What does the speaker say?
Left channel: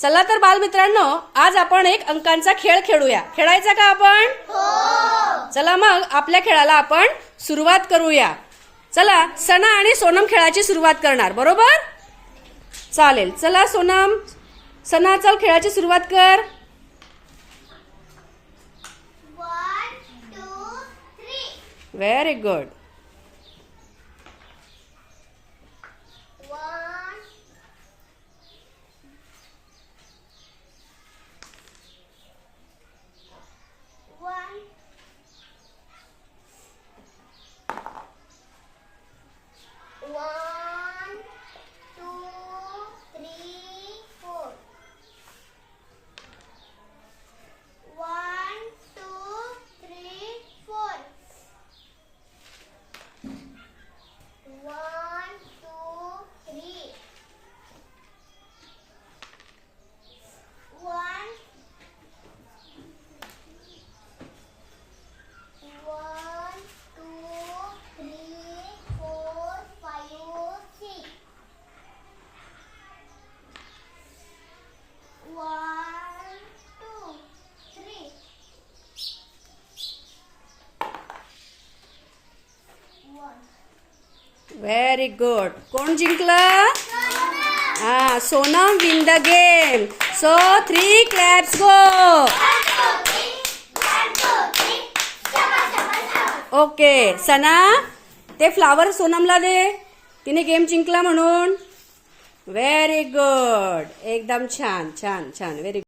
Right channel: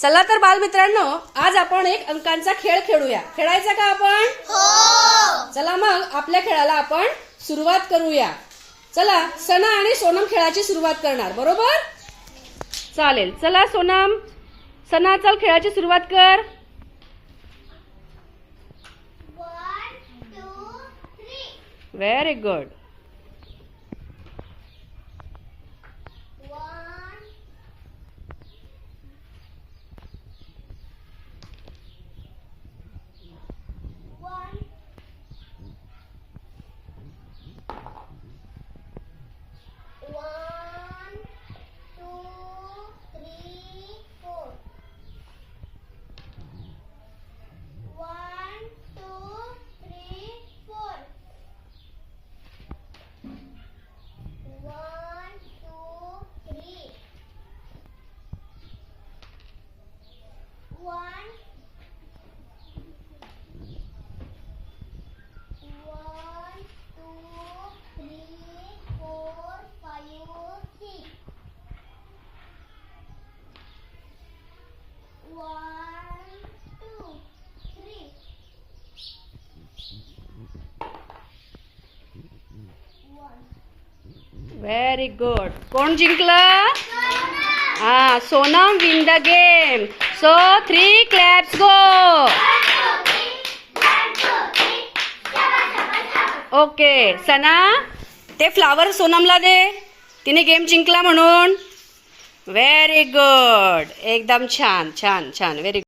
चला तर बालमित्रांनो, आज आपण एक अंकांचा खेळ खेळूया. खेळायचा का आपण? हो. चला मग आपल्या खेळाला आपण सुरुवात करूया. चला, सना आणि सोनम खेळाची सुरुवात करणार, बरोबर? चालेल. चला सोनम, सना चल खेळाची सुरुवात कर. 1 2 3. Very good. 1 1 1 2 3 4. 1 2 3 4. 1 2 3. 1 1 2 3 4 5 6. 1 2 3. 1. Very good. कोण जिंकलं? हा, Sonam win the game. So 3 claps go. Okay. Sana, ते फ्लावर सोनमला दे, तिने गेम जिंकला म्हणून. Very good. एकदम छान छान छान. व्हेरी